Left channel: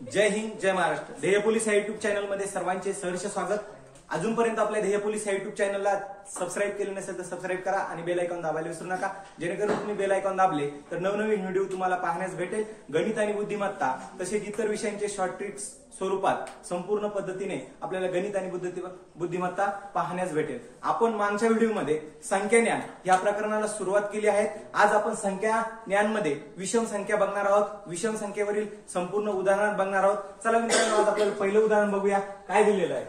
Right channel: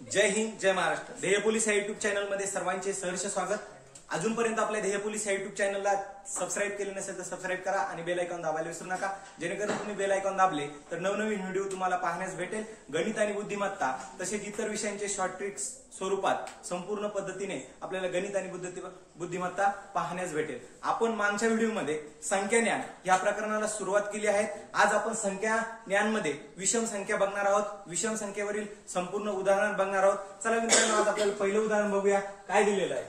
जय हिंद, जय महाराष्ट्र. ध्येय पोलीस या YouTube channel मध्ये सर्वांचे सहर्ष स्वागत. अजूनपर्यंत आपल्या ध्येय पोलीस या युट्यूब चॅनलला सबस्क्राईब केले नसेल तर सबस्क्राईब करा आणि बेल आयकॉन दाबायला विसरू नका. जेणेकरून तुम्ही बेल आयकॉन दाबले तर नवनवीन व्हिडिओ तुम्हाला पाहण्यास भेटेल. गणित आणि बुद्धिमत्ता तसेच इतर विषयांचे शॉर्ट ट्रिक्स स्वरूपात संपूर्ण पद्धतीने आपल्याला गणित आणि बुद्धिमत्ता पाहण्यास भेटेल. आपण मागच्या व्हिडिओमध्ये संख्या ज्ञान या प्रकरणाला सुरुवात केली आहे. आज आपण संख्या ज्ञानमध्ये विषम संख्या बघणार आहोत. विषम संख्येवरील संपूर्ण उदाहरण बघणार आहोत. चला मित्रांनो, आज आपल्याला पहिलं उदाहरण बघूया. काय दिलेलं आहे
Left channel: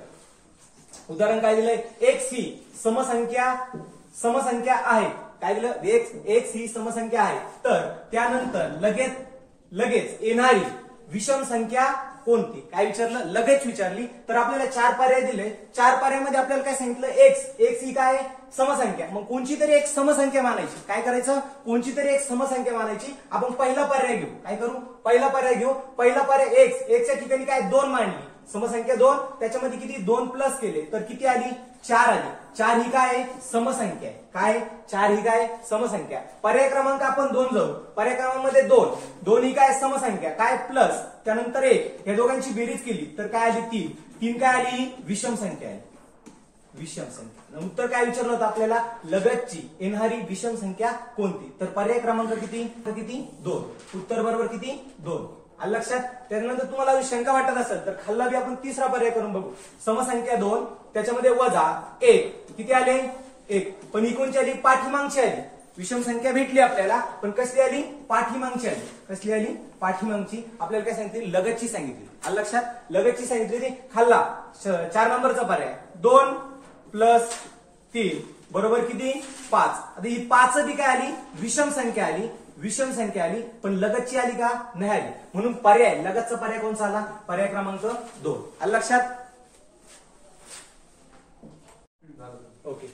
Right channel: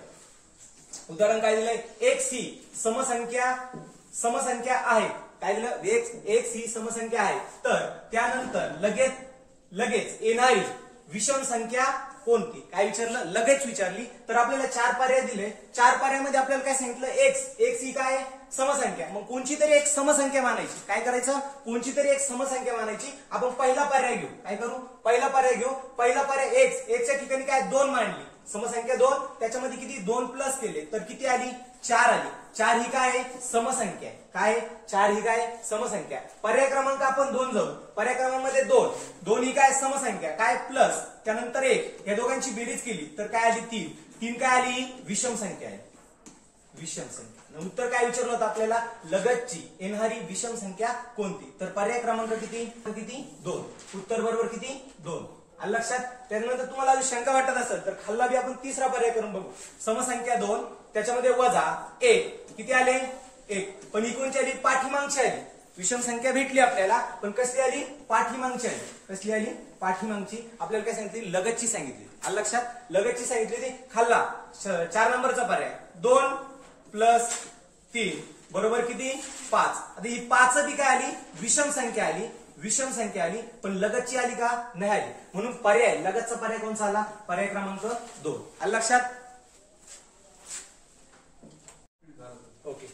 उदाहरण? काय दिलंय? x ही समसंख्या आहे. काय दिलं? x ही समसंख्या आहे. तर त्यानंतर लगेच येणारी विषम संख्या कोणती? काय विचारलं? लगेच विचारली. तर आपल्याला चार पर्याय दिले. चार पर्यायामध्ये आपल्याला काय सांगितलं? x ही काय समसंख्या. मग कोणची तरी एक समसंख्या मानायची. काय करायचं? कोणची तरी एक समसंख्या मानायची. आपण पहिला पर्याय घेऊ. काय करू? पहिला पर्याय घेऊ. पहिला पर्याय x च्या ठिकाणी काय 2 मांडली. समसंख्या 2, त्याच्यामध्ये किती 2 प्लस केले तर किती आली? 4 आली. 4 ही काय समसंख्या आहे. काय 4 ही काय समसंख्या. पर्याय क्रमांक आपण 2 जाऊ. पर्याय क्रमांकामध्ये 2 ही काय समसंख्या. काय प्लस त्यानंतर 1, या दोघांची बेरीज केली तर काय आली? 3 काय आली? विषम संख्या आहे. विषम संख्या. उत्तर काय विचारलं होतं आपल्याला? लगतची येणारी विषम संख्या कोणती? तर पर्याय क्रमांक किती? 2. उत्तर बरोबर किती? 2. आलं लक्षात? त्यानंतर तुम्हाला शंका वाटत असेल तर खाल्ला बी आपण तिसरा पर्याय करून बघू. समसंख्या 2, त्याच्यामध्ये वजा 1, किती आले? 1. पण ही कोणची आली? पाठीमागची आली. विषम संख्या भेटली आपल्याला, पण कसली आली? पाठीमागची आली. कसली आली? पाठीमागची. आपल्याला काय सांगितली? लगतची सांगितली. आलं लक्षात? लगतची सांगितली ती खाल्ला. 4 नंबरचा पर्याय 2 प्लस 3 बरोबर किती? 5. आता ही 5 ती काय आली? विषम संख्या आली. विषम संख्या आली, पण लगतची आली का? नाही आली. म्हणून पर्याय लगतचा पर्याय कोणता आला? पर्याय क्रमांक 2. आलं लक्षात? ओके.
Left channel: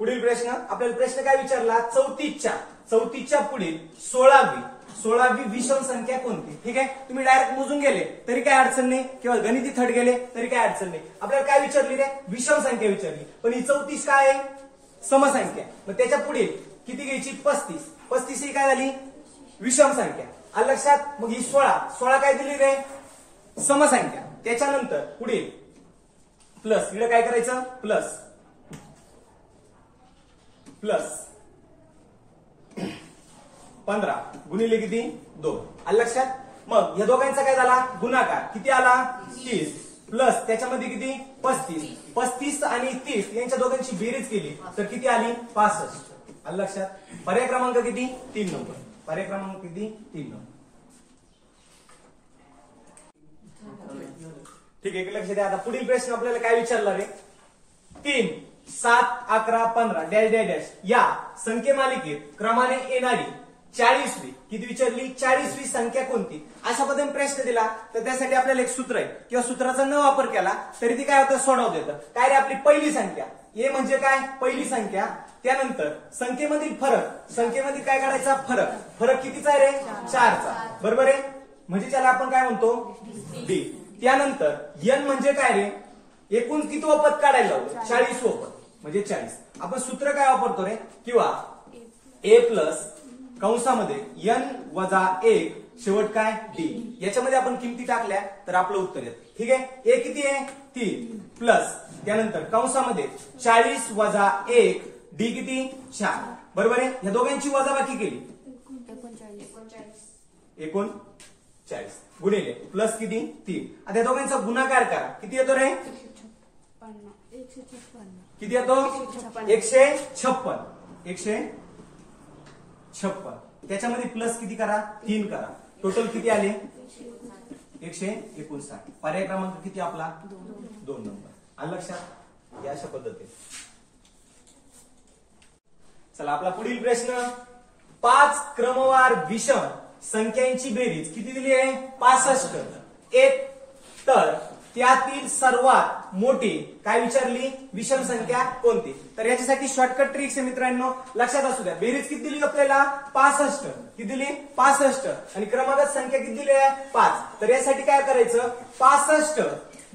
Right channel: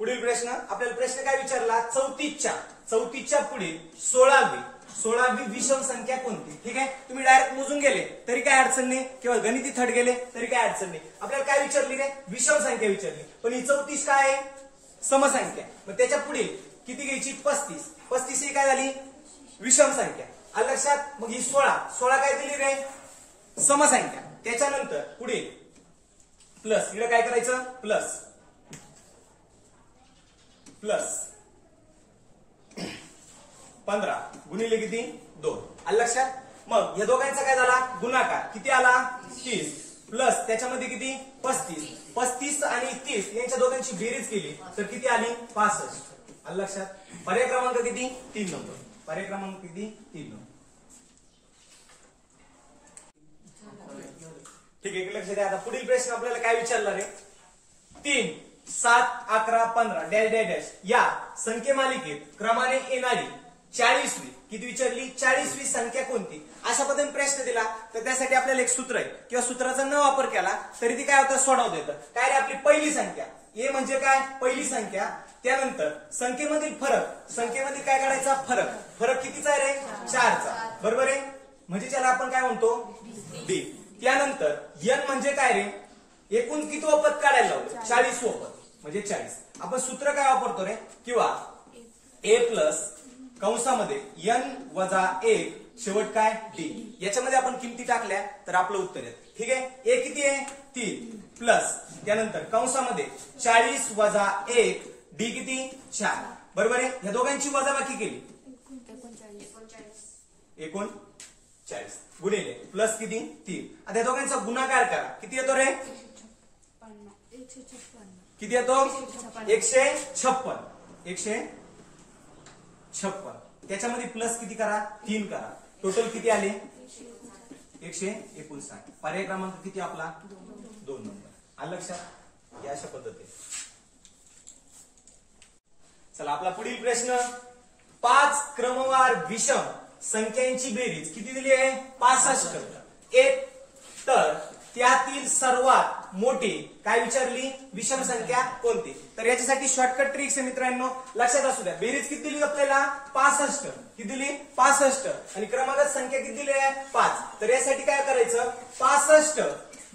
पुढील प्रश्न. आपल्याला प्रश्न काय विचारला? 34च्या पुढे 16वी विषम संख्या कोणती? ठीक आहे. तुम्ही डायरेक्ट मोजून गेले तरी काय अडचण नाही, किंवा गणिती थट गेले तरी काय अडचण नाही. आपल्याला काय विचारली रे? विषम संख्या विचारली. पण ही 34 काय आहे? समसंख्या. मग त्याच्या पुढे किती घ्यायची? 35 ही काय झाली? विषम संख्या. आलं लक्षात? मग ही 16 काय दिली रे? समसंख्या. त्याच्यानंतर पुढे प्लस. इकडे काय करायचं? प्लस 15 गुणिले किती? 2. आलं लक्षात? मग या दोघांचा काय झाला? गुणाकार. किती आला? 30 प्लस त्याच्यामध्ये किती? 35 आणि 30 यांच्या दोघांची बेरीज केली तर किती आली? 65. आलं लक्षात? पर्याय क्रमांक किती? 3 नंबर. पर्याय क्रमांक किती? 3 नंबर. ठीक आहे, लक्ष द्या. आता पुढील प्रश्न आपल्याला काय विचारला रे? 3, 7, 11, 15 डॅश डॅश डॅश या संख्या मालिकेत क्रमाने येणारी 40वी किती विचारली? 40वी संख्या कोणती? अशा पद्धतीने प्रश्न दिला तर त्यासाठी आपल्याला एक सूत्र आहे, किंवा सूत्राचा न वापर केला तरी ती काय होतं? सोडवता येतं. काय रे? आपली पहिली संख्या. ए म्हणजे काय? पहिली संख्या. त्यानंतर संख्येमधील फरक. संख्येमध्ये काय करायचा? फरक कितीचा रे? 4चा. बरोबर आहे. म्हणजे त्याला आपण काय म्हणतो? डी. त्यानंतर एन म्हणजे काय रे? एकूण किती पद काढायला लावलं? 40 पद म्हणजे 40. आपण सूत्र काय वापरतो रे? किंवा ए प्लस कंसामध्ये n वजा 1 शेवट काय? डी. याच्यामध्ये आपण किमती टाकल्या तर आपलं उत्तर येतं. ठीक आहे. ए किती आहे? 3 प्लस त्यानंतर कंसामध्ये 40 वजा 1 डी किती? 4. बरोबर आहे. या दोघांची वजाबाकी केली 39 गुणिले प्लस किती? 3. आता या दोघांचा गुणाकार करा. किती येतो रे? किती येतो? 156. त्याच्यामध्ये प्लस किती करा? 3 करा. टोटल किती आले? 159. पर्याय क्रमांक किती आपला? 2 नंबर. आलं लक्षात? या अशा पद्धतीने. चला आपला पुढील प्रश्न. 5 क्रमवार विषम संख्यांची बेरीज किती दिली आहे? 65. तर त्यातील सर्वात मोठी काय विचारली? विषम संख्या कोणती? तर याच्यासाठी शॉर्टकट ट्रिक्स आहे मित्रांनो, लक्षात असू द्या. बेरीज किती दिली आपल्याला? 65. किती दिली? 65. आणि क्रमांकात संख्या किती दिली आहे? 5. तर यासाठी काय करायचं? 65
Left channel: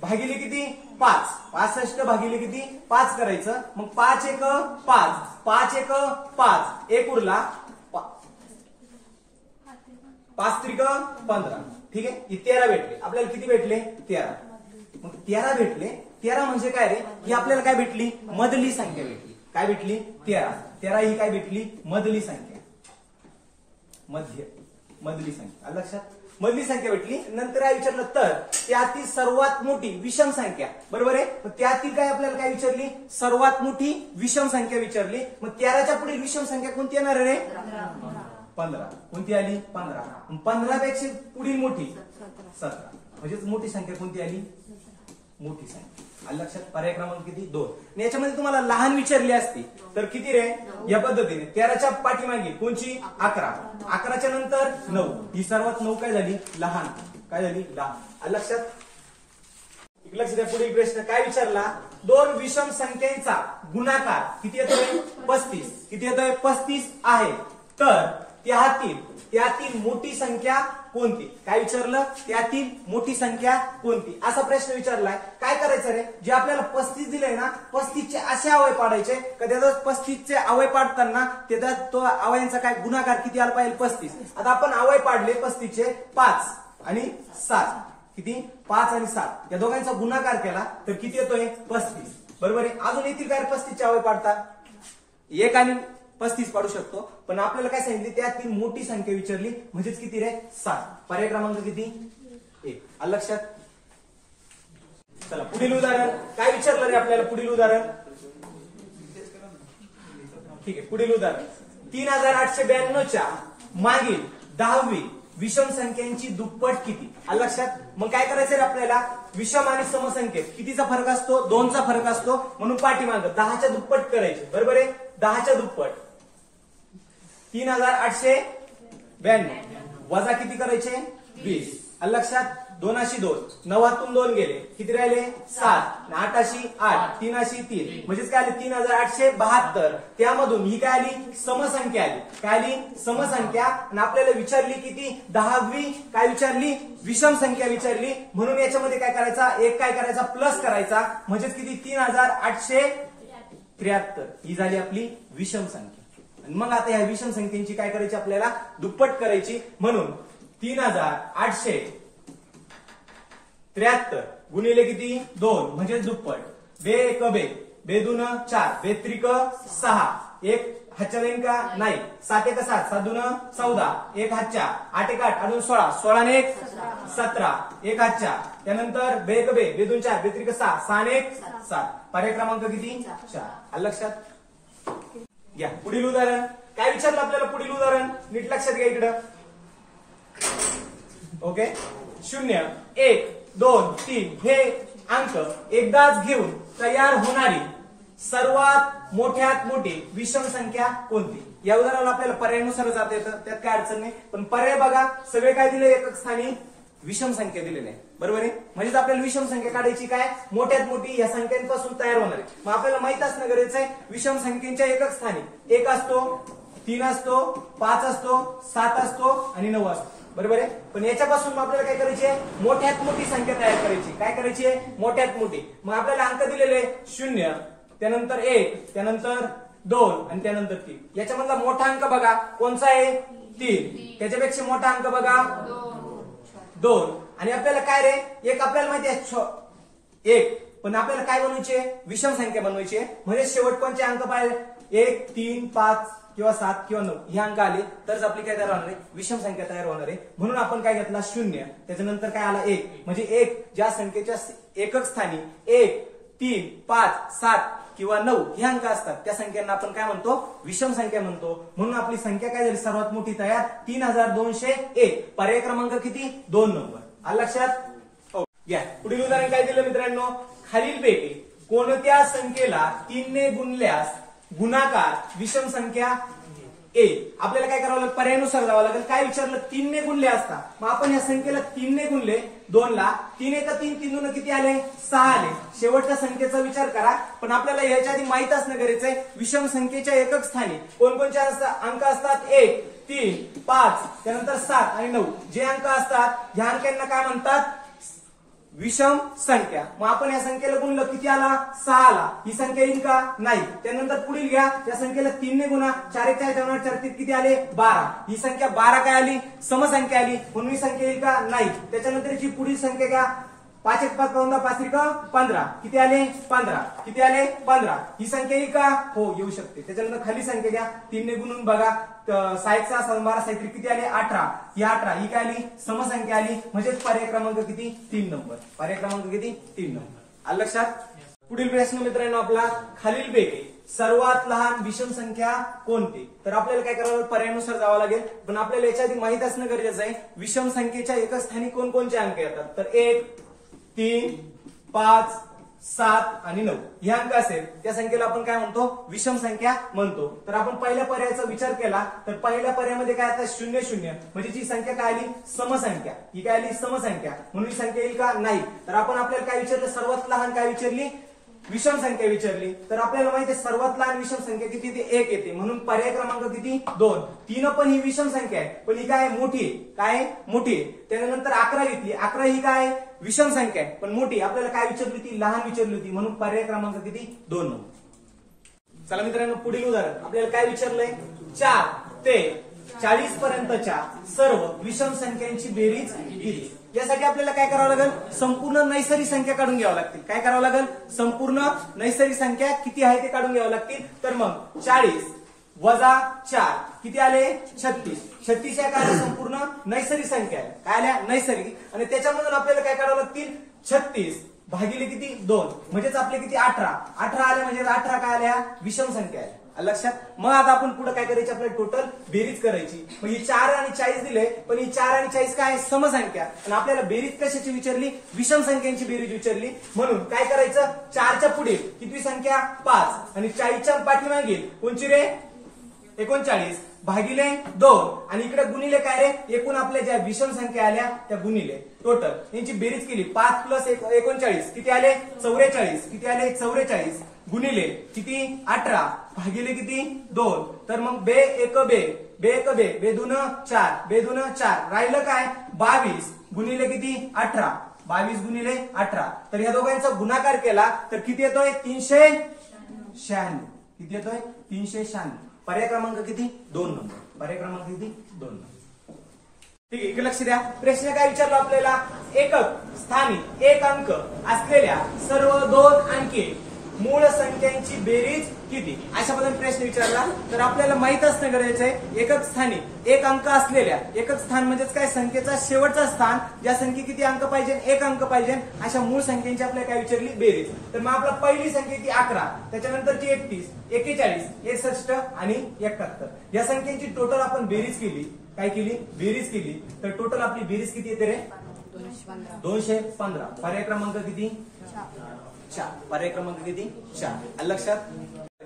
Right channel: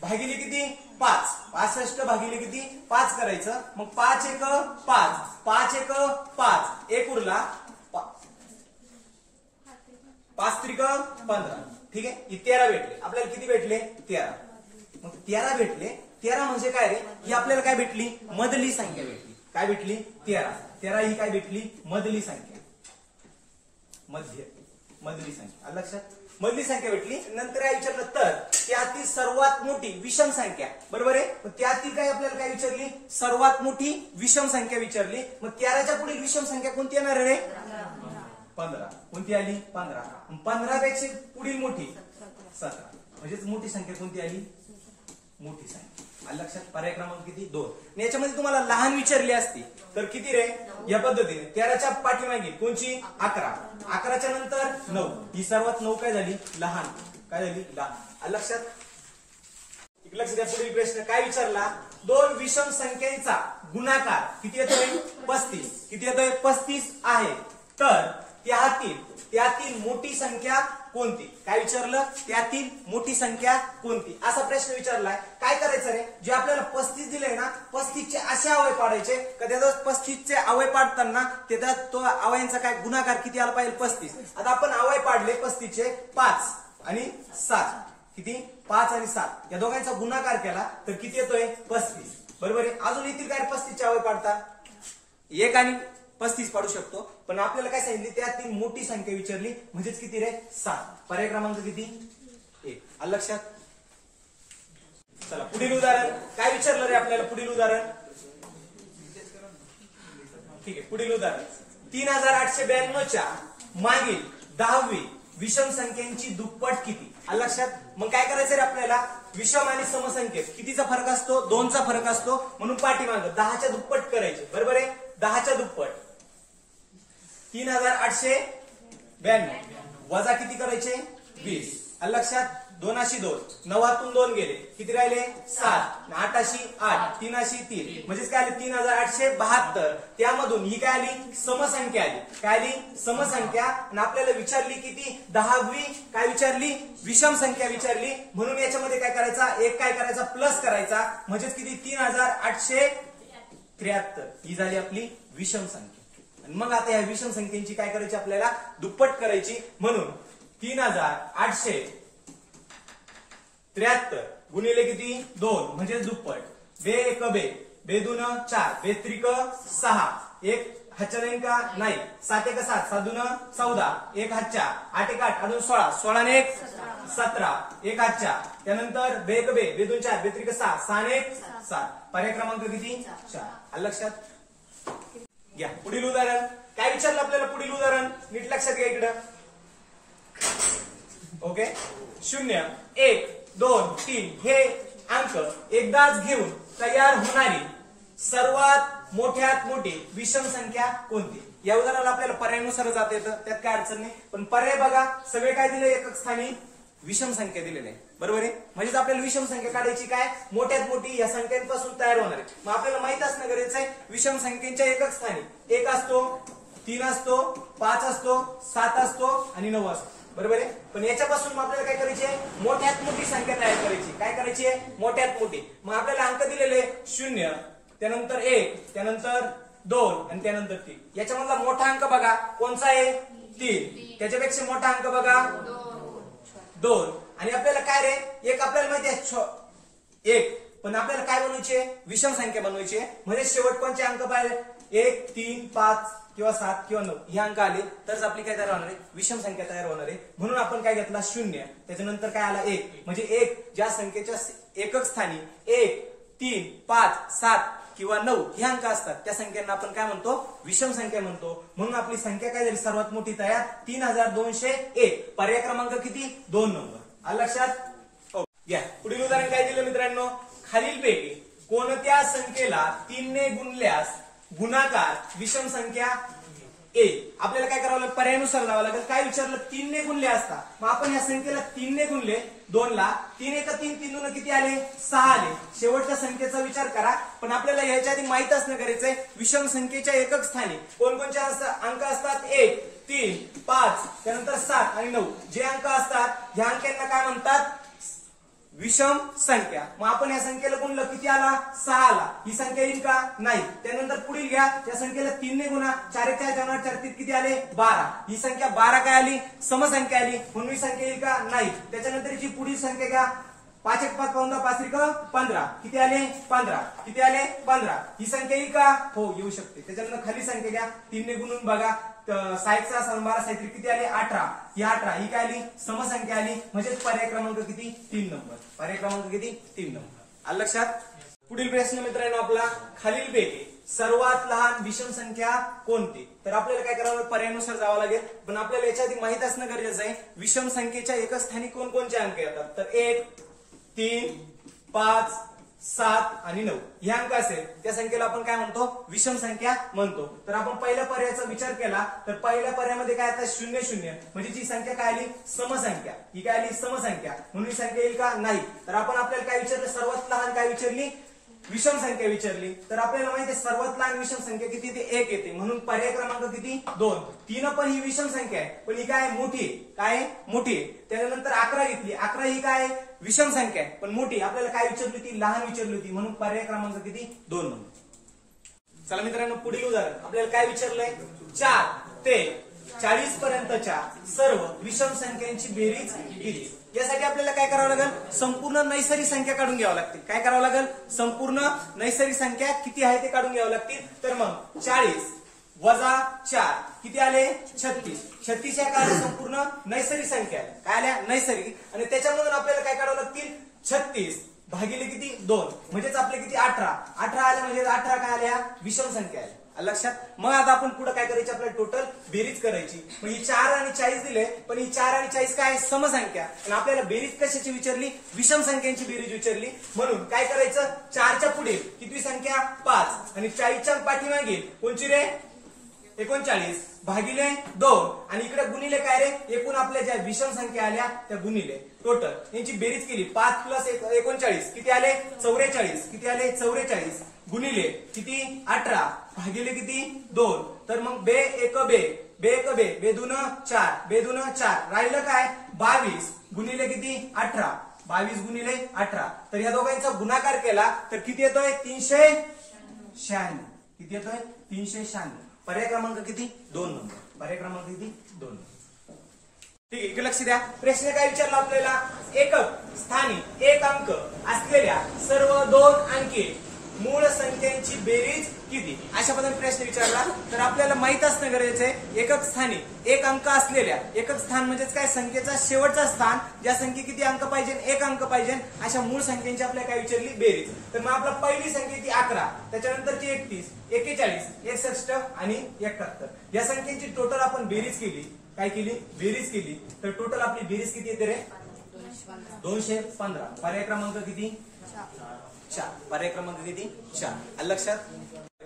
भागिले किती? 5. 65 भागिले किती? 5 करायचं. मग 5 1 5, 5 1 5, 1 उरला 5 3 15. ठीक आहे, ही 13 भेटले. आपल्याला किती भेटले? 13. मग 13 भेटले. 13 म्हणजे काय रे? ही आपल्याला काय भेटली? मधली संख्या भेटली. काय भेटली? 13. 13 ही काय भेटली? मधली संख्या. मधली संख्या. लक्षात? मधली संख्या भेटली. नंतर काय विचारलं? तर त्यातील सर्वात मोठी विषम संख्या. बरोबर आहे. मग त्यातील काय आपल्याला काय विचारली? सर्वात मोठी विषम संख्या विचारली. मग 13च्या पुढील विषम संख्या कोणती येणार रे? 15. कोणती आली? 15. 15 पेक्षा पुढील मोठी 17. म्हणजेच मोठी संख्या कोणती आली? मोठी संख्या. लक्षात? पर्याय क्रमांक किती? 2. याच्यामध्ये तुम्हाला लहान विचारली असती तर किती रे? या पद्धतीने 13च्या पाठीमागे कोणची? 11. 11च्या नंतर 9. ही सर्वात 9 काय झाली? लहान. काय झाली? लहान. लक्षात? लक्ष द्या. पुढील प्रश्न काय विचारला? दोन विषम संख्यांचा गुणाकार किती येतोय? 35. किती येतोय? 35 आहे. तर त्यातील मोठी संख्या कोणती? काय विचारलं? त्यातील मोठी संख्या कोणती? असा प्रश्न विचारलाय. काय करायचं रे? जे आपल्याला 35 दिलंय ना, 35चे असे अवय पाडायचे का त्याच्यात 35चे अवय पाडताना त्याच्यात तो अवयांचा काय गुणाकार किती आला पाहिजे? 35. आता आपण अवय पाडले 35चे 5 आणि 7. किती? 5 आणि 7 या दोघांचा गुणाकार केला तर किती येतोय? 35. बरोबर आहे. अजून येथील काय 35चे अवय पाडता? 1 आणि 35 पाडू शकतो. पण आपल्याला काय सांगितली? त्यातील मोठी संख्या विचारली. म्हणजेच किती रे? 7. पर्याय क्रमांक किती? 1. आलं लक्षात? चला पुढील उदाहरण. काय विचारलं रे आपल्याला? पुढील उदाहरण. ठीक आहे. पुढील उदाहरण 3892च्या मागील 10वी विषम संख्यांची दुप्पट किती? आलं लक्षात? मग काय करायचं रे आपल्याला? विषम आणि समसंख्येत कितीचा फरक असतो? 2चा फरक असतो. म्हणून पाठीमाग 10च्या दुप्पट करायचे. बरोबर आहे. 10च्या दुप्पट 3892 वजा किती करायचे? 20. आलं लक्षात? 2 9तून 2 गेले. किती राहिले? 7. 8 8. 3 3. म्हणजेच काय आले? 3872. त्यामधून ही काय आली? समसंख्या आली. काय आली? समसंख्या. आणि आपल्याला विचारली किती? 10वी काय विचारली? विषम संख्या विचारली. म्हणून याच्यामध्ये काय करायचा? एक काय करायचा? प्लस करायचा. म्हणजेच किती? 3873. ही झाली आपली विषम संख्या. आणि मग आता या विषम संख्येची काय करायची? आपल्याला दुप्पट करायची. म्हणून 3873 गुणिले किती? 2 म्हणजे दुप्पट. बे 1 बे, बे 2 4, बे 3 6, 1 हातच्या जाईन का? नाही. 7 1 7, 7 2 14, 1 हातच्या, 8 1 8, अजून 16, 16 ने 1 17, 1 हातच्या. त्यानंतर बे 1 बे, बे 2 4, बे 3 6, 6 ने 1 7. पर्याय क्रमांक किती? 4. आलं लक्षात? या पुढील उदाहरण. काय विचारलं आपल्याला? पुढील उदाहरण नीट लक्षात घ्या इकडं. ओके. 0 1 2 3 हे अंक एकदाच घेऊन तयार होणारी सर्वात मोठ्यात मोठी विषम संख्या कोणती? या उदाहरणाला आपल्याला पर्यायानुसार जाता येतं. त्यात काय अडचण नाही. पण पर्याय बघा. सगळे काय दिले? एकक स्थानी विषम संख्या दिलेली आहे. बरोबर आहे. म्हणजेच आपल्याला विषम संख्या काढायची. काय? मोठ्यात मोठी या संख्यांपासून तयार होणार आहे. मग आपल्याला माहित असणं गरजेचं आहे विषम संख्येच्या एकक स्थानी 1 असतो, 3 असतो, 5 असतो, 7 असतो आणि 9 असतो. बरोबर आहे. पण याच्यापासून आपल्याला काय करायची आहे? मोठ्यात मोठी संख्या तयार करायची. काय करायची आहे? मोठ्यात मोठी. मग आपल्याला अंक दिलेले 0, त्यानंतर 1, त्यानंतर 2 आणि त्यानंतर 3. याच्यामधला मोठा अंक बघा कोणचा आहे? 3. त्याच्यापेक्षा मोठा अंक बघा 2. आणि आपल्याला काय रे? एक आपल्याला माहिती आहे 1. पण आपल्याला काय बनवायचे? विषम संख्या बनवायची आहे. म्हणजे शेवट कोणते अंक पाहिजे? 1 3 5 किंवा 7 किंवा 9 हे अंक आले तरच आपली काय तयार होणार आहे? विषम संख्या तयार होणार आहे. म्हणून आपण काय घेतला? 0. त्याच्यानंतर काय आला? 1. म्हणजे 1 ज्या संख्येच्या एकक स्थानी 1 3 5 7 किंवा 9 हे अंक असतात त्या संख्यांना आपण काय म्हणतो? विषम संख्या म्हणतो. म्हणून आपली संख्या काय झाली? सर्वात मोठी तयार 3201. पर्याय क्रमांक किती? 2 नंबर. आलं लक्षात? या पुढील उदाहरण काय दिलं मित्रांनो? खालीलपैकी कोणत्या संख्येला 3 ने गुणल्यास गुणाकार विषम संख्या ए? आपल्याला काय करावं लागेल? पर्यायानुसार लावावं लागेल. काय विचारलं? 3 ने गुणले असता. मग आपण या संख्येला 3 ने गुणले 2 ला. 3 1 3, 3 2 किती आले? 6 आले. शेवटच्या संख्येचा विचार करा. पण आपल्याला याच्या आधी माहित असणं गरजेचं आहे विषम संख्येच्या एकक स्थानी कोणकोणते अंक असतात? 1 3 5 त्यानंतर 7 आणि 9 जे अंक असतात ह्या अंकांना काय म्हणतात? विषम संख्या. मग आपण या संख्येला गुणलं, किती आला? 6 आला. ही संख्या येईल का? नाही. त्यानंतर पुढील घ्या, या संख्येला 3 ने गुणा, 4 4 14 4 किती आले? 12. ही संख्या 12 काय आली? समसंख्या आली, म्हणून ही संख्या येईल का? नाही. त्याच्यानंतरची पुढील संख्या घ्या, 5 1 5 15 5 3 15 किती आले? 15. किती आले? 15. ही संख्या येईल का? हो, येऊ शकते. त्याच्यानंतर खाली संख्या घ्या, 3 ने गुणून बघा, 6 6 7 12 7 किती आले? 18. ही 18 ही काय आली? समसंख्या आली, म्हणजे पर्याय क्रमांक किती? 3 नंबर. पर्याय क्रमांक किती? 3 नंबर. आलं लक्षात? पुढील प्रश्न मित्रांनो आपला खालीलपैकी सर्वात लहान विषम संख्या कोणती? तर आपल्याला काय करावं? पर्यायानुसार जावं लागेल, पण आपल्याला याच्या आधी माहित असणं गरजेचं आहे विषम संख्येच्या एकच स्थानी कोणकोणचे अंक येतात. तर 1 3 5 7 आणि 9 हे अंक असेल त्या संख्येला आपण काय म्हणतो? विषम संख्या म्हणतो. तर आपण पहिल्या पर्यायाचा विचार केला तर पहिल्या पर्यायामध्ये काय आता? 0 0, म्हणजे जी संख्या काय आली? समसंख्या. ही काय आली? समसंख्या, म्हणून ही संख्या येईल का? नाही. तर आपण आपल्याला काय विचारलं? सर्वात लहान काय विचारली? विषम संख्या विचारली. तर आपल्याला माहिती आहे सर्वात लहान विषम संख्या किती? ते 1 येते, म्हणून पर्याय क्रमांक किती? 2. 3 पण ही विषम संख्या आहे, पण ही काय? मोठी आहे. काय? मोठी आहे. त्यानंतर 11 घेतली, 11 ही काय? विषम संख्या आहे, पण मोठी. आपल्याला काय विचारली होती? लहान विचारली होती, म्हणून पर्याय क्रमांक किती? 2 नंबर. चला मित्रांनो, पुढील उदाहरण आपल्याला काय विचारलंय? 4 ते 40 पर्यंतच्या सर्व विषम संख्यांची बेरीज किती? यासाठी आपल्याला काय करावं लागेल? संपूर्ण नैसर्गिक संख्या काढून घ्यावं लागतील. काय करावं लागेल? संपूर्ण नैसर्गिक संख्या किती आहे ते काढून घ्यावं लागतील. तर मग 40 वजा 4 किती आले? 36. 36 या काय? संपूर्ण नैसर्गिक संख्या आहे. काय आल्या? नैसर्गिक. आणि त्याच्यामधून आपल्याला काय करावं लागतील? 36 भागिले किती? 2, म्हणजेच आपले किती? 18. 18 आले म्हणजे 18 काय आल्या? विषम संख्या आहे. लक्षात? मग आता आपण पुढे काय करायची? आपल्याला टोटल बेरीज करायची. मग ही 4 आणि 40 दिले, पण ही 4 आणि 40 काय? समसंख्या. आणि आपल्याला बेरीज कशाची विचारली? विषम संख्यांची बेरीज विचारली, म्हणून काय करायचं? 4च्या पुढे किती संख्या? 5, आणि 40च्या पाठीमागे कोणची रे? 39 भागिले 2, आणि इकडे गुणिले काय रे? एकूण आपल्या ज्या विषम संख्या आल्या त्या गुणिले टोटल यांची बेरीज केली. 5 प्लस 39 किती आले? 44. किती आले? 44 गुणिले किती? 18 भागिले किती? 2. तर मग बे 1 बे, बे 1 बे, बे 2 4, बे 2 4, राहिलं काय? 22 गुणिले किती? 18. 22 गुणिले 18. तर या दोघांचा गुणाकार केला तर किती येतोय? 396. किती येतोय? 396. पर्याय क्रमांक किती? 2 नंबर. पर्याय क्रमांक किती? 2 नंबर. ठीक आहे, लक्ष द्या. प्रश्न काय विचारला आपल्याला? एकक स्थानी 1 अंक असलेल्या सर्व 2 अंकी मूळ संख्यांची बेरीज किती? अशा पद्धतीने प्रश्न विचारला तर आपल्याला माहित असणं गरजेचं आहे एकक स्थानी 1 अंक असलेल्या, एकक स्थान म्हणजेच काय? संख्येचा शेवटचा स्थान, ज्या संख्ये किती अंक पाहिजे? 1 अंक पाहिजे, अशा मूळ संख्यांची आपल्याला काय विचारली? बेरीज. तर मग आपला पहिली संख्या ती 11, त्याच्यानंतरची 31, 41, 61 आणि 71. या संख्यांची टोटल आपण बेरीज केली. काय केली? बेरीज केली. तर टोटल आपली बेरीज किती येते रे? 215. पर्याय क्रमांक किती? 4. पर्याय क्रमांक किती? 4. लक्षात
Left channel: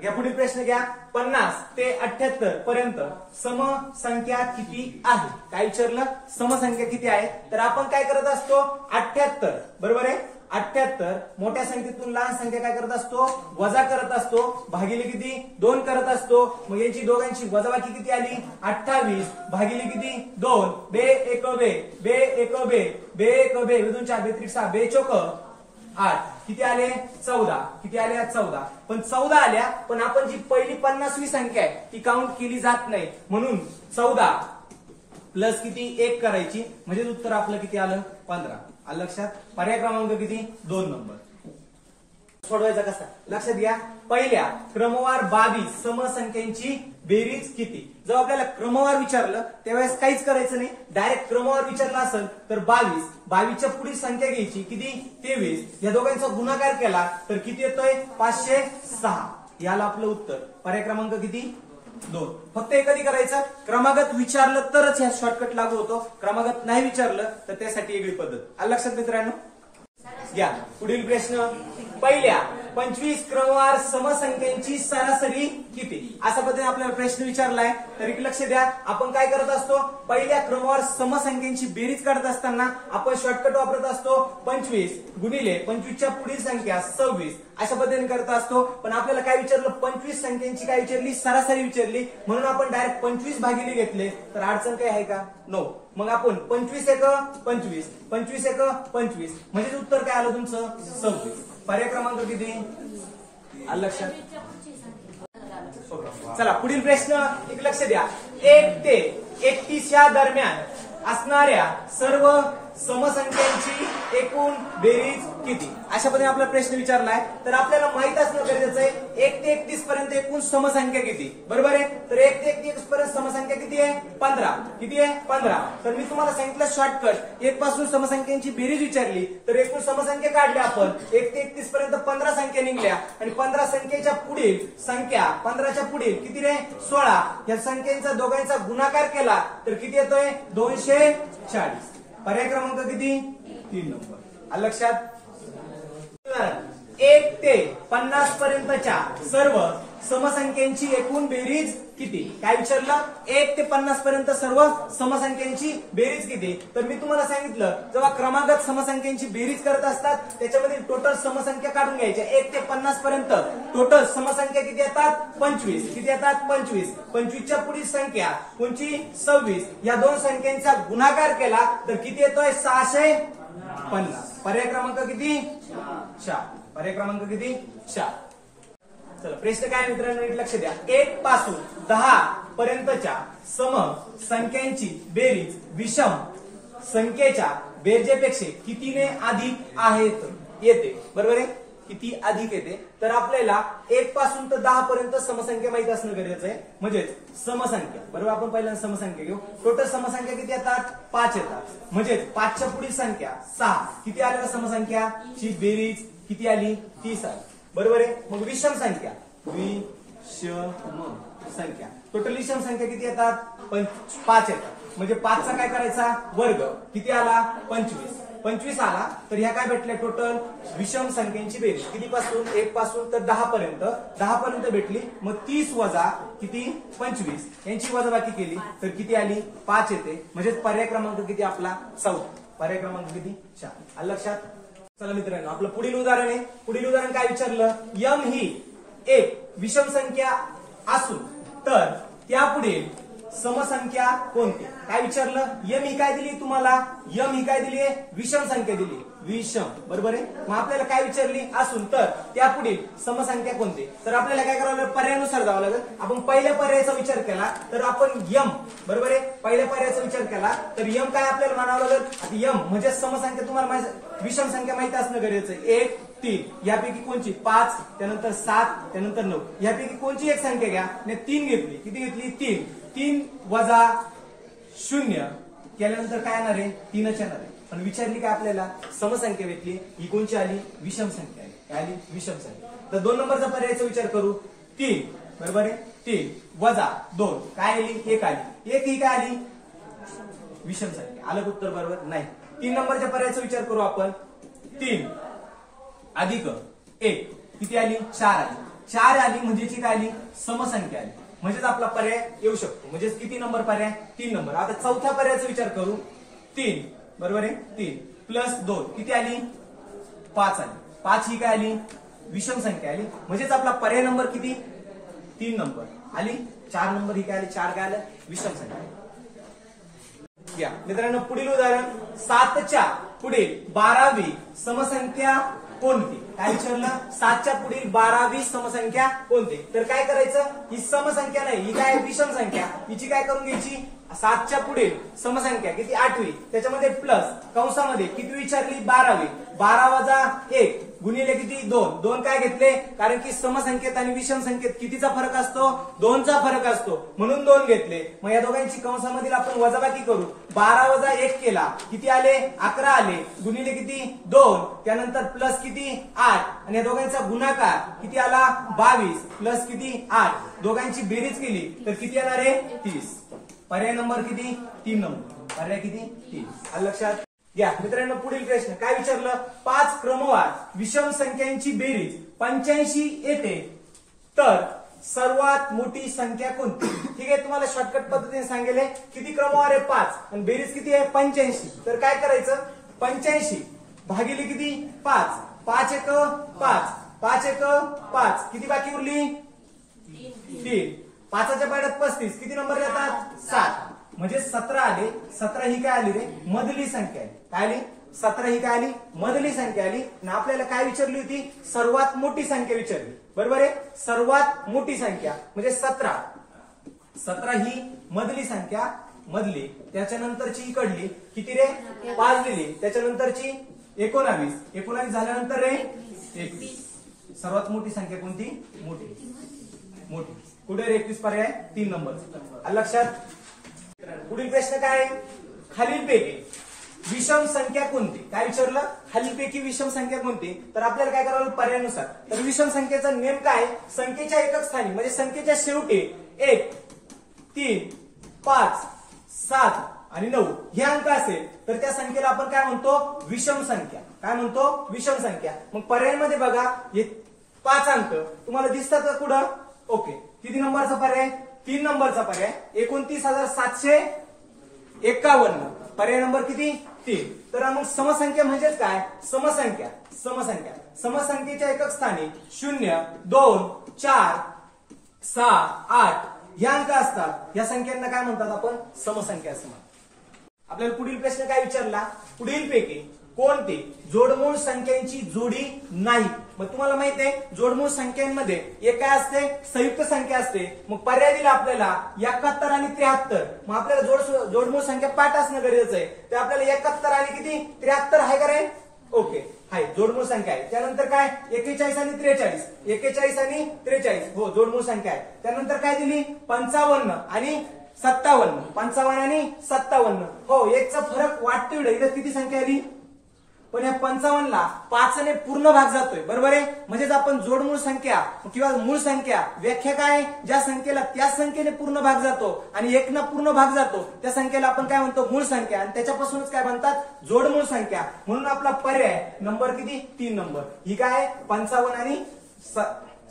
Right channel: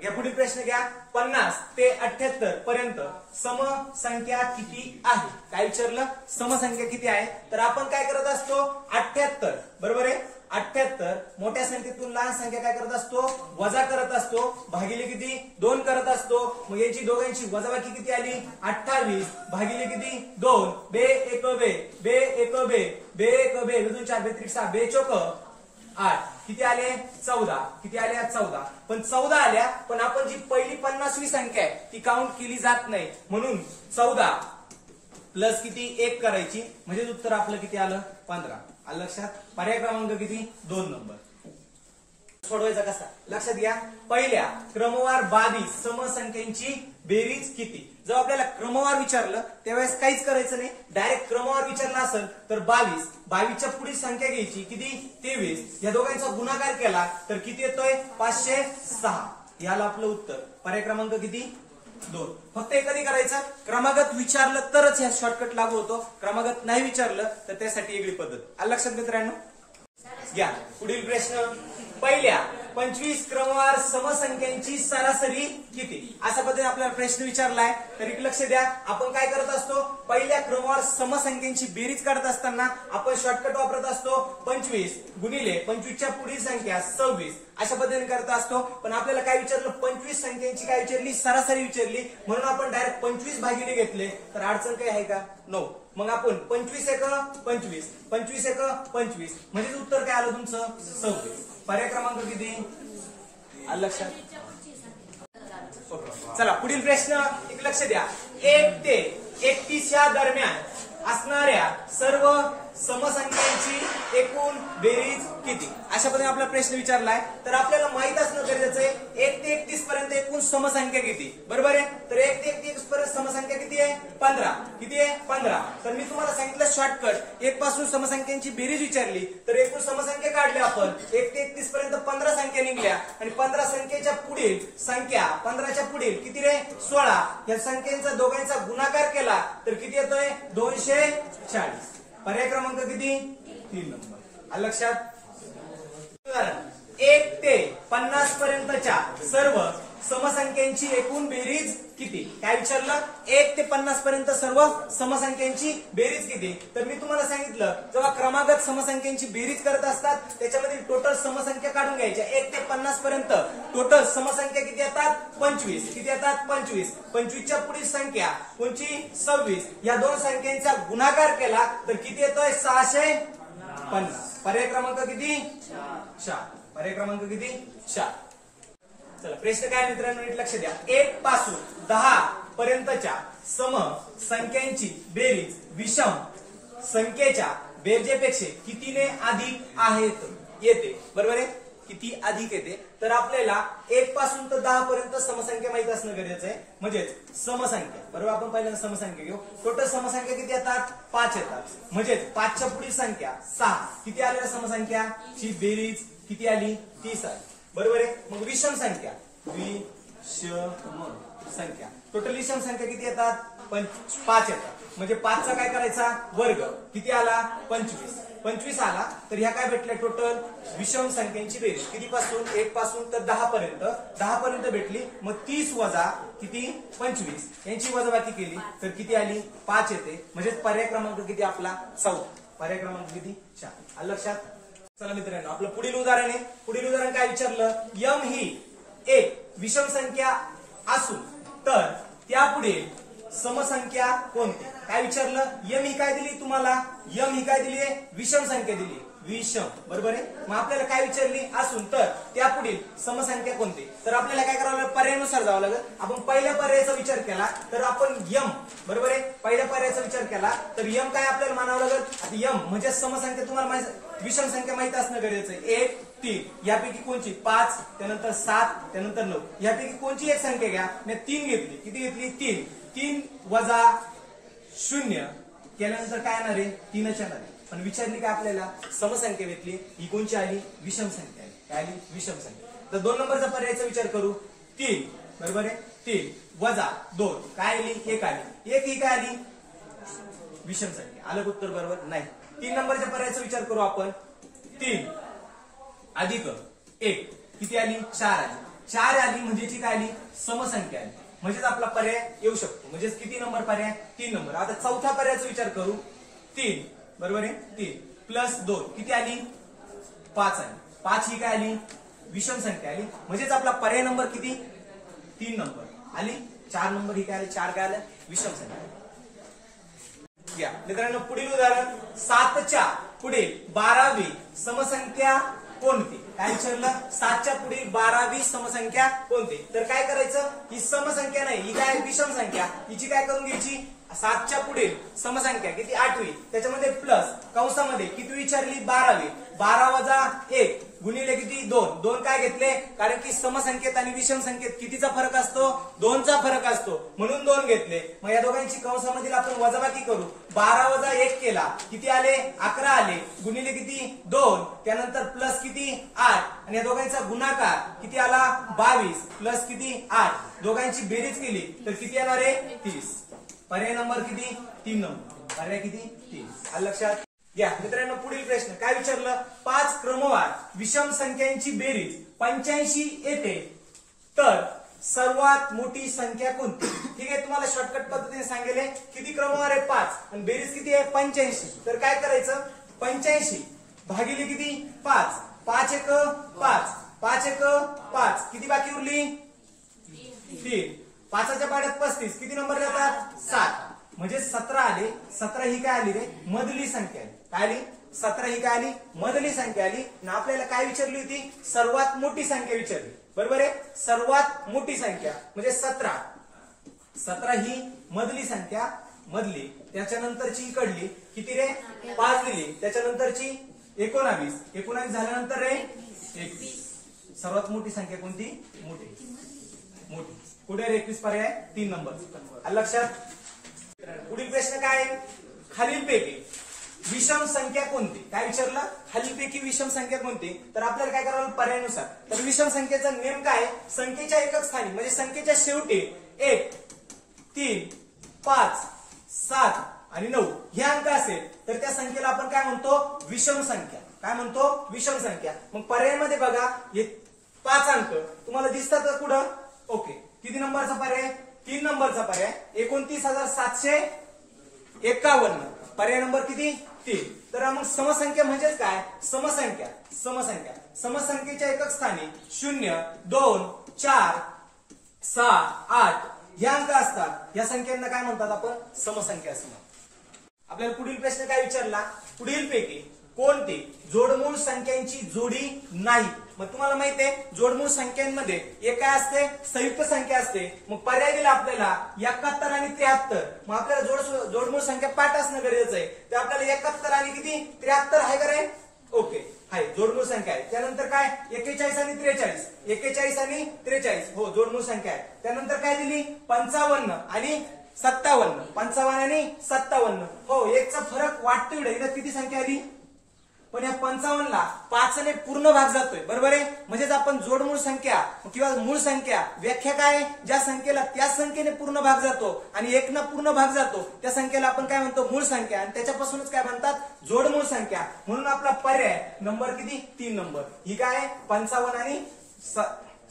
घ्या. पुढील प्रश्न घ्या. 50 ते 78 पर्यंत समसंख्या किती आहे? काय विचारलं? समसंख्या किती आहे? तर आपण काय करत असतो? 78 बरोबर आहे. 78 मोठ्या संख्येतून लहान संख्या काय करत असतो? वजा करत असतो, भागिले किती? 2 करत असतो. मग याची दोघांची वजाबाकी किती आली? 28 भागिले किती? 2. बे 1 बे, बे 1 बे, बे 1 बे, 2 4 बे 6 बे 4 8. किती आले? 14. किती आल्या? 14. पण 14 आल्या, पण आपण जी पहिली 50वी संख्या आहे ती काउंट केली जात नाही, म्हणून 14 प्लस किती? 1 करायची, म्हणजे उत्तर आपलं किती आलं? 15. आलं लक्षात? पर्याय क्रमांक किती? 2 नंबर. सोडवायचा कसा? लक्षात घ्या. पहिल्या क्रमवार 22 समसंख्यांची बेरीज किती? जर आपल्याला क्रमवार विचारलं त्यावेळेस काहीच करायचं नाही, डायरेक्ट क्रमवार विचारला असेल तर 22, 22च्या पुढील संख्या घ्यायची किती? 23. या दोघांचा गुणाकार केला तर किती येतोय? 506. याला आपलं उत्तर पर्याय क्रमांक किती? 2. फक्त हे कधी करायचं? क्रमागत विचारलं तरच ह्या शॉर्टकट लागू होतो, क्रमागत नाही विचारलं तर त्यासाठी वेगळी पद्धत. आलं लक्षात मित्रांनो? घ्या पुढील प्रश्न. पहिल्या 25 क्रमवार समसंख्यांची सरासरी किती? अशा पद्धतीने आपल्याला प्रश्न विचारलाय. तर लक्ष द्या. आपण काय करत असतो? पहिल्या क्रमवार समसंख्यांची बेरीज काढत असताना आपण शॉर्टकट वापरत असतो 25 गुणिले 25च्या पुढील संख्या 26 अशा पद्धतीने करत असतो. पण आपल्याला काय विचारलं? 25 संख्यांची काय विचारली? सरासरी विचारली, म्हणून आपण डायरेक्ट 25 भागिले घेतले. तर अडचण काय आहे का? 9. मग आपण 25 एक 25, 25 एक 25, म्हणजे उत्तर काय आलं तुमचं 26. पर्याय क्रमांक किती आलं लक्षात? चला पुढील प्रश्न एक लक्ष द्या. 1 ते 31 या दरम्यान असणाऱ्या सर्व समसंख्यांची एकूण बेरीज किती? अशा पद्धतीने आपला प्रश्न विचारलाय. तर आपल्याला माहित असणं गरजेचं आहे 1 ते 31 पर्यंत एकूण समसंख्या किती. बरोबर आहे. तर 1 ते 31 पर्यंत समसंख्या किती आहे? 15. किती आहे? 15. तर मी तुम्हाला सांगितलं शॉर्टकट 1 पासून समसंख्यांची बेरीज विचारली तर एकूण समसंख्या काढल्या आपण. 1 ते 31 पर्यंत 15 संख्या निघल्या आणि 15 संख्येच्या पुढील संख्या 15च्या पुढील किती रे 16 या संख्येचा दोघांचा गुणाकार केला तर किती येतोय 240. पर्याय क्रमांक किती 3 नंबर. आलं लक्षात? 1 ते 50 पर्यंतच्या सर्व समसंख्यांची एकूण बेरीज किती? काय विचारलं? 1 ते 50 पर्यंत सर्व समसंख्यांची बेरीज किती? तर मी तुम्हाला सांगितलं जेव्हा क्रमागत समसंख्यांची बेरीज करत असतात त्याच्यामध्ये टोटल समसंख्या काढून घ्यायच्या. 1 ते 50 पर्यंत टोटल समसंख्या किती येतात? 25. किती येतात? 25. 25च्या पुढील संख्या कोणची? 26. या दोन संख्यांचा गुणाकार केला तर किती येतोय? 650. पर्याय क्रमांक किती? 4. पर्याय क्रमांक किती? 4. चला प्रश्न काय मित्रांनो नीट लक्ष द्या. 1 पासून 10 पर्यंतच्या सम संख्यांची बेरीज विषम संख्येच्या बेरजेपेक्षा कितीने अधिक आहेत येते. बरोबर आहे. किती अधिक येते? तर आपल्याला 1 पासून तर 10 पर्यंत समसंख्या माहित असणं गरजेचं आहे. म्हणजे समसंख्या. बरोबर. आपण पहिल्यांदा समसंख्या घेऊ. टोटल समसंख्या किती येतात? 5 येतात. म्हणजे 5च्या पुढील संख्या 6. किती आलेल्या समसंख्या ची बेरीज किती आली? 30 आली. बरोबर आहे. मग विषम संख्या विषम संख्या टोटल विषम संख्या किती येतात? 5 येतात. म्हणजे 5चा काय करायचा? वर्ग. किती आला? 25. 25 आला तर ह्या काय भेटल्या? टोटल विषम संख्यांची बेरीज किती पासून? 1 पासून तर 10 पर्यंत. 10 पर्यंत भेटली. मग 30 वजा किती? 25 यांची वजाबाकी केली तर किती आली? 5 येते. म्हणजे पर्याय क्रमांक किती आपला? 4. पर्याय क्रमांक किती? 4. आलं लक्षात? चला मित्रांनो आपलं पुढील उदाहरण आहे. पुढील उदाहरण काय विचारलं? यम ही एक विषम संख्या असून तर त्यापुढे समसंख्या कोणती? काय विचारलं? यम ही काय दिली तुम्हाला? यम ही काय दिली आहे? विषम संख्या दिली. विषम. बरोबर आहे. मग आपल्याला काय विचारली? असून तर त्यापुढील समसंख्या कोणती? तर आपल्याला काय करावं लागेल? पर्यायानुसार जावं लागेल. आपण पहिल्या पर्यायाचा विचार केला तर आपण यम. बरोबर आहे. पहिल्या पर्यायाचा विचार केला तर यम काय आपल्याला म्हणावं लागेल? आता यम म्हणजे समसंख्या तुम्हाला विषम संख्या माहिती असणं गरजेचं आहे. 1 3 यापैकी कोणची? 5 त्यानंतर 7 त्यानंतर 9 यापैकी कोणची एक संख्या घ्या. मी 3 घेतली. किती घेतली? 3. 3 वजा 0 केल्यानंतर काय येणार आहे? 3च येणार आहे. पण विचारली का आपल्याला? समसंख्या भेटली. ही कोणची आली? विषम संख्या आली. काय आली? विषम संख्या. तर 2 नंबरचा पर्यायाचा विचार करू. 3 बरोबर आहे. 3 वजा 2 काय आली? 1 आली. 1 ही काय आली? विषम संख्या. आलं उत्तर बरोबर? नाही. 3 नंबरच्या पर्यायाचा विचार करू आपण. 3 अधिक 1 किती आली? 4 आली. 4 आली म्हणजे काय आली? समसंख्या आली. म्हणजेच आपला पर्याय येऊ शकतो. म्हणजे किती नंबर पर्याय? 3 नंबर. आता चौथ्या पर्यायाचा विचार करू. 3 बरोबर आहे. 3 प्लस 2 किती आली? 5 आली. 5 ही काय आली? विषम संख्या आली. म्हणजेच आपला पर्याय नंबर किती? 3 नंबर आली. 4 नंबर ही काय आली? 4 काय आलं? विषम संख्या. या मित्रांनो पुढील उदाहरण 7च्या पुढे 12वी समसंख्या कोणती? काय विचारलं? 7च्या पुढील 12वी समसंख्या कोणती? तर काय करायचं? ही समसंख्या नाही, ही काय विषम संख्या. हिची काय करून घ्यायची? 7च्या पुढील समसंख्या किती? 8वी त्याच्यामध्ये प्लस कंसामध्ये किती विचारली? 12वी. 12 वजा 1 गुणिले किती? 2. 2 काय घेतले? कारण की समसंख्येत आणि विषम संख्येत कितीचा फरक असतो? 2चा फरक असतो म्हणून 2 घेतले. मग या दोघांची कंसामधील आपण वजाबाकी करू. 12 वजा 1 केला किती आले? 11 आले. गुणिले किती? 2 त्यानंतर प्लस किती? 8 आणि या दोघांचा गुणाकार किती आला? 22 प्लस किती? 8 दोघांची बेरीज केली तर किती येणार आहे? 30. पर्याय नंबर किती? 3 नंबर. पर्याय किती? 3. आलं लक्षात? या मित्रांनो पुढील प्रश्न काय विचारलं? 5 क्रमवार विषम संख्यांची बेरीज 85 येते तर सर्वात मोठी संख्या कोणती? ठीक आहे. तुम्हाला शॉर्टकट पद्धतीने सांगितले किती क्रमवार आहे? 5 आणि बेरीज किती आहे? 85. तर काय करायचं? 85 भागिले किती? 5. 5 1 5 5 1 5 किती बाकी उरली? 3. 5च्या पाड्यात 35 किती नंबर येतात? 7. म्हणजे 17 आले. 17 ही काय आली रे? मधली संख्या आहे. काय आली? 17 ही काय आली? मधली संख्या आली. आणि आपल्याला काय विचारली होती? सर्वात मोठी संख्या विचारली. बरोबर आहे? सर्वात मोठी संख्या म्हणजे 17. 17 ही मधली संख्या, मधली. त्याच्यानंतरची इकडली किती रे? 5 दिली. त्याच्यानंतरची 19. 19 झाल्यानंतर रे 21. सर्वात मोठी संख्या कोणती? मोठी. मोठी कुठे रे? 21 पर्याय 3 नंबर. लक्षात. पुढील प्रश्न काय? खालीलपैकी विषम संख्या कोणती? काय विचारलं? खालीलपैकी विषम संख्या कोणती? तर आपल्याला काय करावं? पर्यायानुसार. तर विषम संख्येचा नियम काय? संख्येच्या एकक स्थानी म्हणजे संख्येच्या शेवटी 1, 3, 5, 7 आणि 9 हे अंक असेल तर त्या संख्येला आपण काय म्हणतो? विषम संख्या. काय म्हणतो? विषम संख्या. मग पर्यायामध्ये बघा हे 5 अंक तुम्हाला दिसतात का कुठं? ओके. किती नंबरचा पर्याय? 3 नंबरचा पर्याय. 29,751. पर्याय नंबर किती? 3. तर मग समसंख्या म्हणजेच काय? समसंख्या. समसंख्या. समसंख्येच्या एकक स्थानी 0, 2, 4, 6, 8 हे अंक असतात. या संख्यांना काय म्हणतात आपण? समसंख्या असं म्हणतात. आपल्याला पुढील प्रश्न काय विचारला? पुढीलपैकी कोणती जोडमूळ संख्यांची जोडी नाही? मग तुम्हाला माहिती आहे जोडमूळ संख्यांमध्ये एक काय असते? संयुक्त संख्या असते. मग पर्याय दिला आपल्याला 71 आणि 73. मग आपल्याला जोडमूळ संख्या पाठ असणं गरजेचं आहे. तर आपल्याला 71 आणि किती? 73 आहे का रे? ओके आहे. जोडमूळ संख्या आहे. त्यानंतर काय? 41 आणि 43. 41 आणि 43 हो जोडमूळ संख्या आहे. त्यानंतर काय दिली? 55 आणि 57. 55 आणि 57 हो एकचा फरक वाटतो. इकडे किती संख्या आली? पण या 55 ला 5 ने पूर्ण भाग जातोय. बरोबर आहे? म्हणजेच आपण जोडमूळ संख्या किंवा मूळ संख्या व्याख्या काय? ज्या संख्येला त्या संख्येने पूर्ण भाग जातो आणि 1 ना पूर्ण भाग जातो त्या संख्येला आपण काय म्हणतो? मूळ संख्या. आणि त्याच्यापासूनच काय म्हणतात? जोडमूळ संख्या. म्हणून आपला पर्याय नंबर किती? 3 नंबर. ही काय? 55 आणि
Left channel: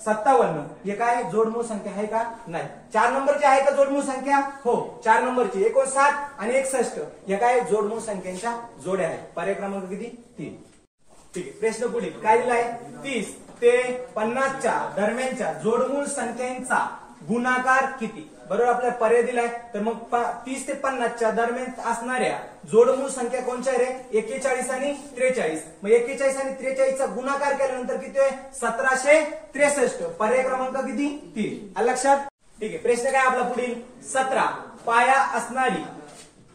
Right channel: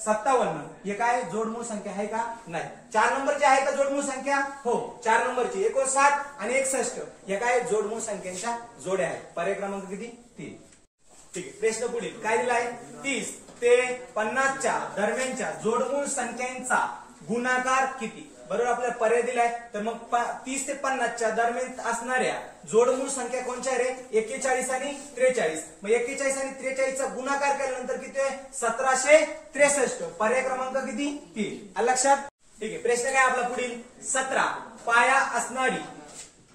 57 हे काय जोडमूळ संख्या आहे का? नाही. 4 नंबरची आहे का जोडमूळ संख्या? हो 4 नंबरची 59 आणि 61 हे काय? जोडमूळ संख्यांच्या जोड्या आहेत. पर्याय क्रमांक किती? 3. ठीक आहे. प्रश्न पुढे काय दिलाय? 30 ते 50च्या दरम्यानच्या जोडमूळ संख्यांचा गुणाकार किती? बरोबर आपल्याला पर्याय दिलाय. तर मग 30 ते 50च्या दरम्यान असणाऱ्या जोडमूळ संख्या कोणत्या रे? 41 आणि 43. मग 41 आणि 43चा गुणाकार केल्यानंतर किती आहे? 1763. पर्याय क्रमांक किती? 3. लक्षात. ठीक आहे. प्रश्न काय आपला पुढील? 17 पाया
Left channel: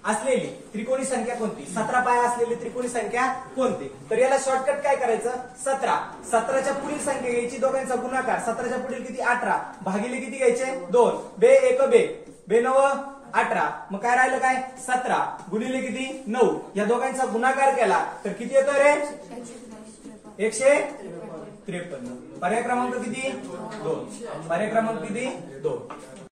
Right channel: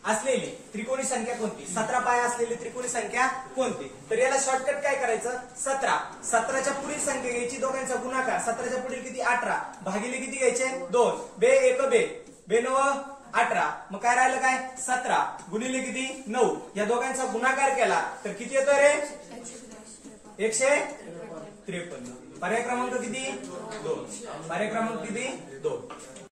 असलेली त्रिकोणी संख्या कोणती? 17 पाया असलेली त्रिकोणी संख्या कोणती? तर याला शॉर्टकट काय करायचं? 17च्या पुढील संख्या घ्यायची, दोघांचा गुणाकार. 17च्या पुढील किती? 18 भागिले किती घ्यायचे? 2. बे 1 बे 9 18. मग काय राहिलं काय? 17 गुणिले किती? 9. या दोघांचा गुणाकार केला तर किती येतो रे? 153. पर्याय क्रमांक किती? 2. पर्याय क्रमांक किती? 2.